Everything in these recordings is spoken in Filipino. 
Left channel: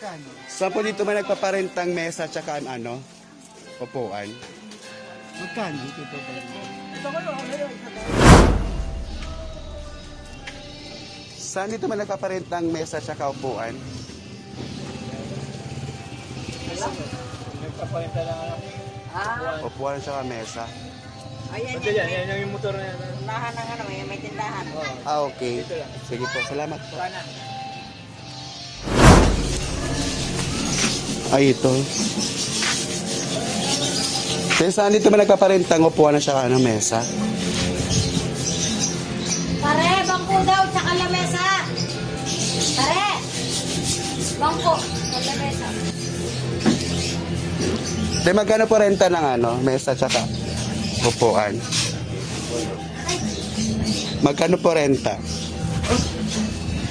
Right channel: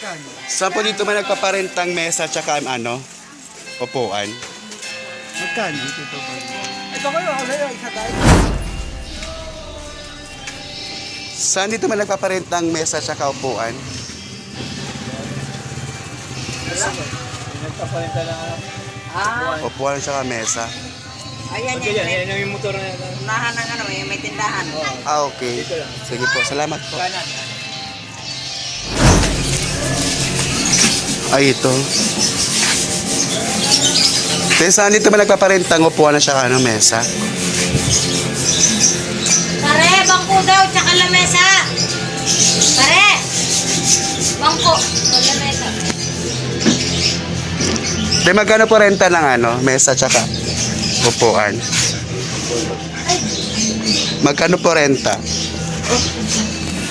Magkano? Saan po dito may nagpaparentang mesa tsaka ano? Upuan? Magkano? Ito po ba? Ito kayo, ako na yun, isa tayo. Saan dito may nagpaparentang mesa tsaka upuan? Nagpapalitan lang ako. Upuan tsaka mesa. Ayan yan, may yung motor na yan. unahan ng ano, may tindahan. Ah, okay. Sige po, salamat po. Ay, ito. Saan dito may nagpaparentang upuan at tsaka ano, mesa? Pare, bangko daw, tsaka lamesa. Pare, bangko, lamesa. May magkano po renta ng ano, mesa tsaka upuan? Magkano po renta?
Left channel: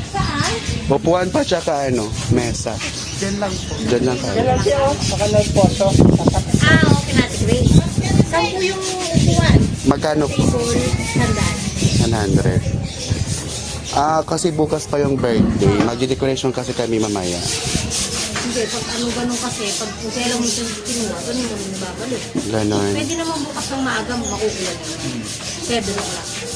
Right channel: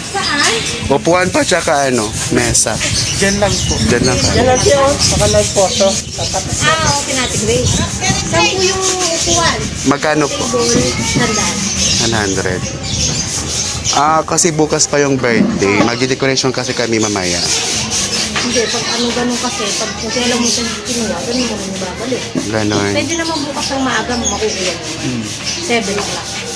Saan? Upuan pa tsaka ano, mesa. Diyan lang po. Diyan lang ka. Diyan lang siya, oh. Nakalag photo. Okay natin, Grace. Saan po yung upuan? Magkano po? Sandaan. 100. Kasi bukas pa yung birthday. Mag-decoration kasi kami mamaya. Hindi, pag ganun kasi, pag kailan mo siya kinuha, ganun mo nang babalik. Ganon. Pwede naman bukas ng maaga mo makukuha. 7 o'clock.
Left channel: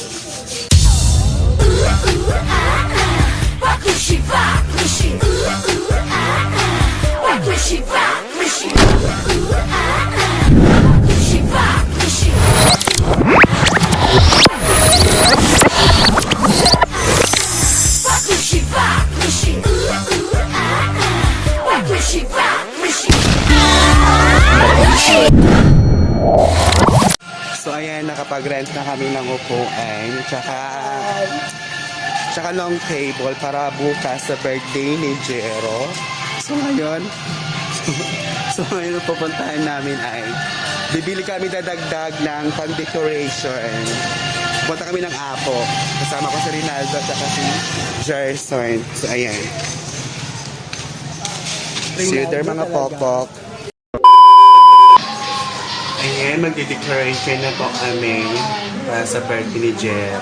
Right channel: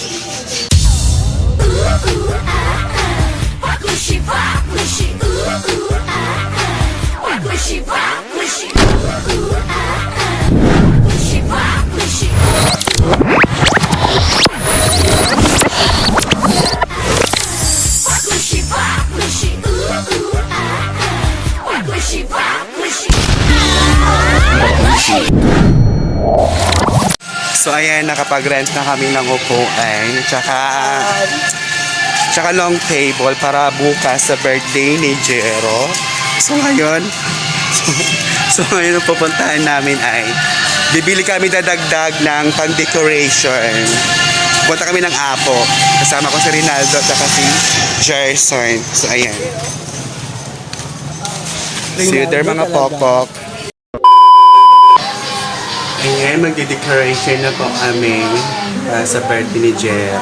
So ayan, nakapag-rent na kami ng upuan. Tsaka long table para bukas sa birthday ni Jero. So ngayon, ang pupuntahan namin ay bibili kami dadagdag ng pang-decoration. Punta kami ng Apo. Kasama ko si Rinaldo at si Jerson. So ayan. See you there mga pokok. Ayan, magde-decoration na po kami sa birthday ni Jero.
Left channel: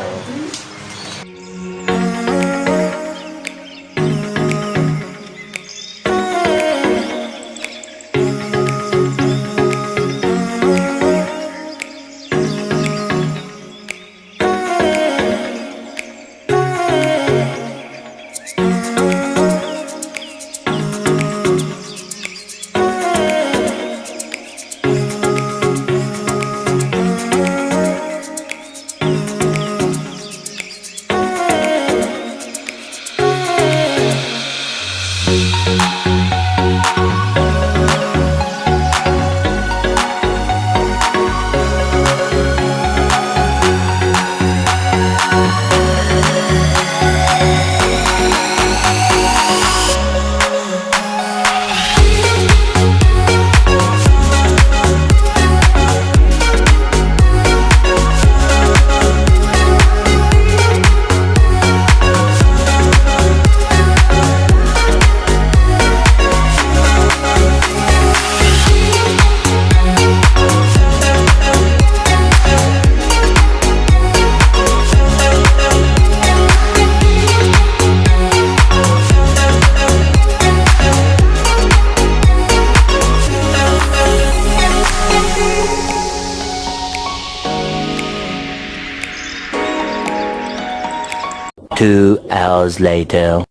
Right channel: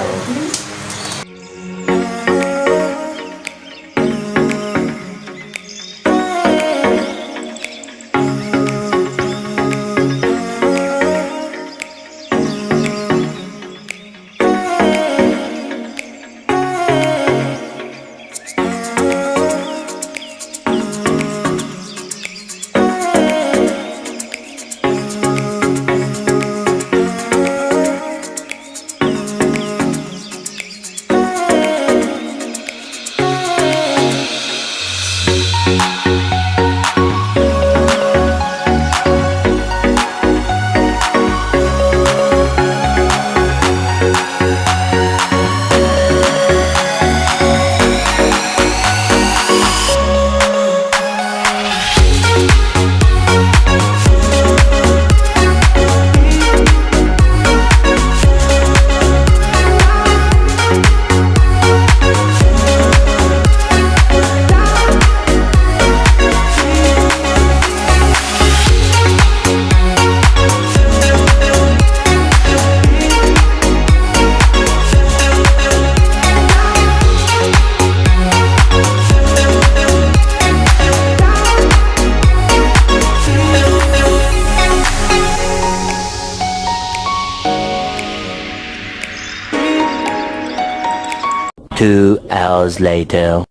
Two hours later.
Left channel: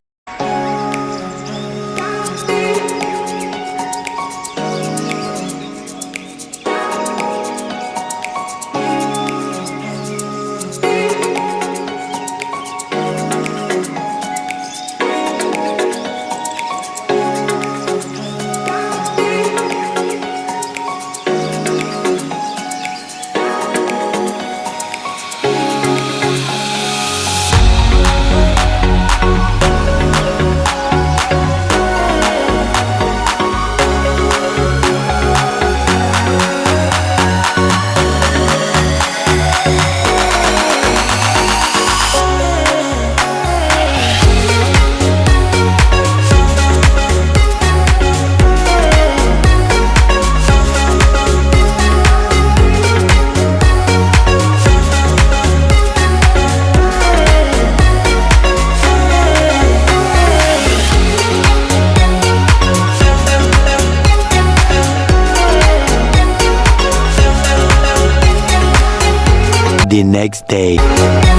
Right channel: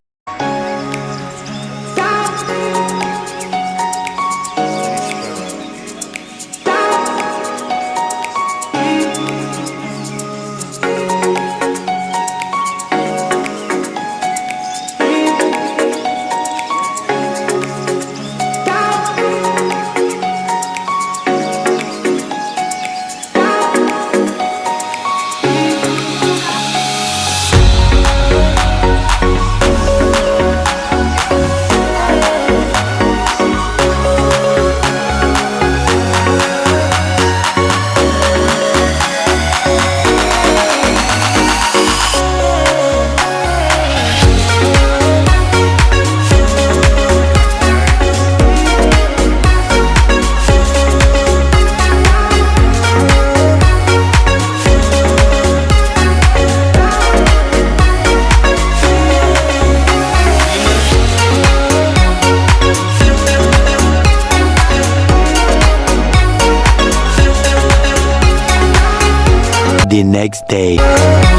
The next day.